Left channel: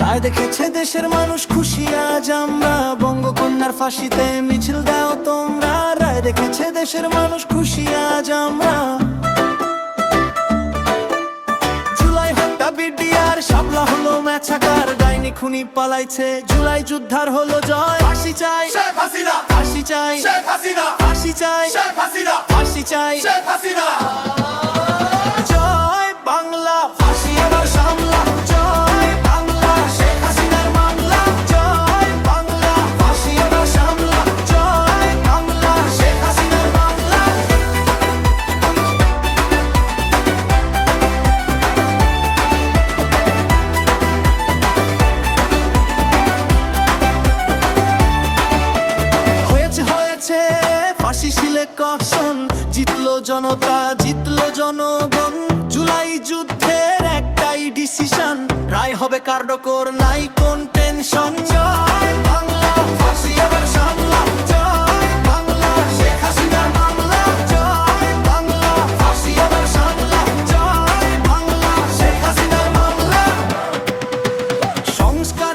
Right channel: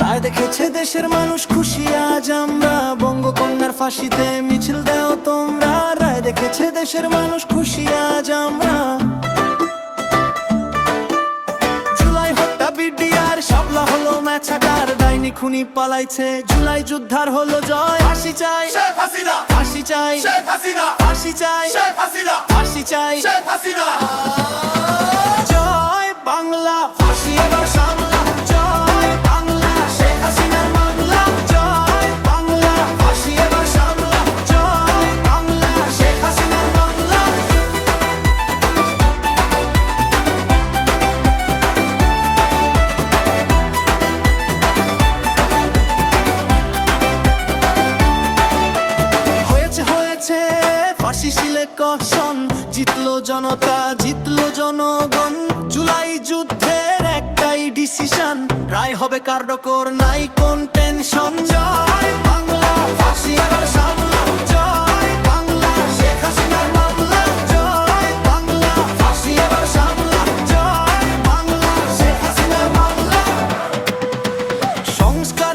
রায় দেখেছে দেশের মানুষ খুশি, আজ আমরা বঙ্গকন্যার ফাঁসিতে মিছিল দাও তোমরা। রায় দেখেছে দেশের মানুষ খুশি, আজ আমরা বিডিআর শাপলা হলো ম্যাচাকার ডাইনি খুনি পালাইছে জুলাই যুদ্ধার হলো জয়। ফাঁসি চাই ফাঁসি চাই ফাঁসি চাই ফাঁসি চাই। জয় বাংলা ফাঁসি এবার হয়েছে ফাঁসি সিলেকশন জিতলো জনতা, জিতলো জনগণ। জুলাই যুদ্ধের একটাই ডিসিশন রায় হবে কার্ডকর নাই কোন টেনশন জয় বাংলা।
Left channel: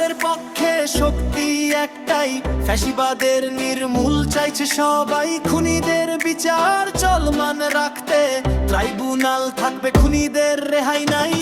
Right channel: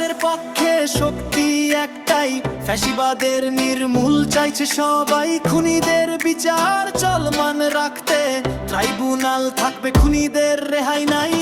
সংস্কারের পক্ষে শক্তি একটাই। ফ্যাসিবাদের নির্মূল চাইছে সবাই খুনিদের বিচার। চলমান রাখতে ট্রাইব্যুনাল থাকবে খুনিদের রেহাই নাই।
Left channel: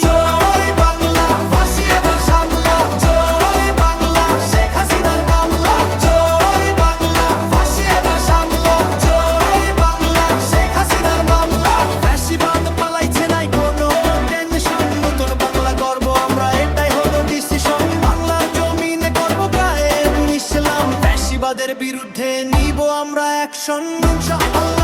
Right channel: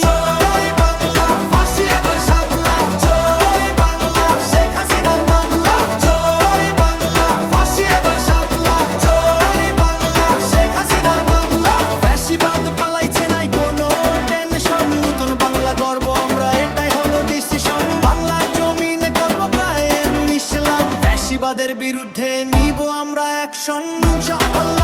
ডিসিশন বাংলার জমিনে করব কায়েম ইসলাম ফ্যাসিবাদের বিরুদ্ধে নিব আমরা অ্যাকশন ইনশাআল্লাহ।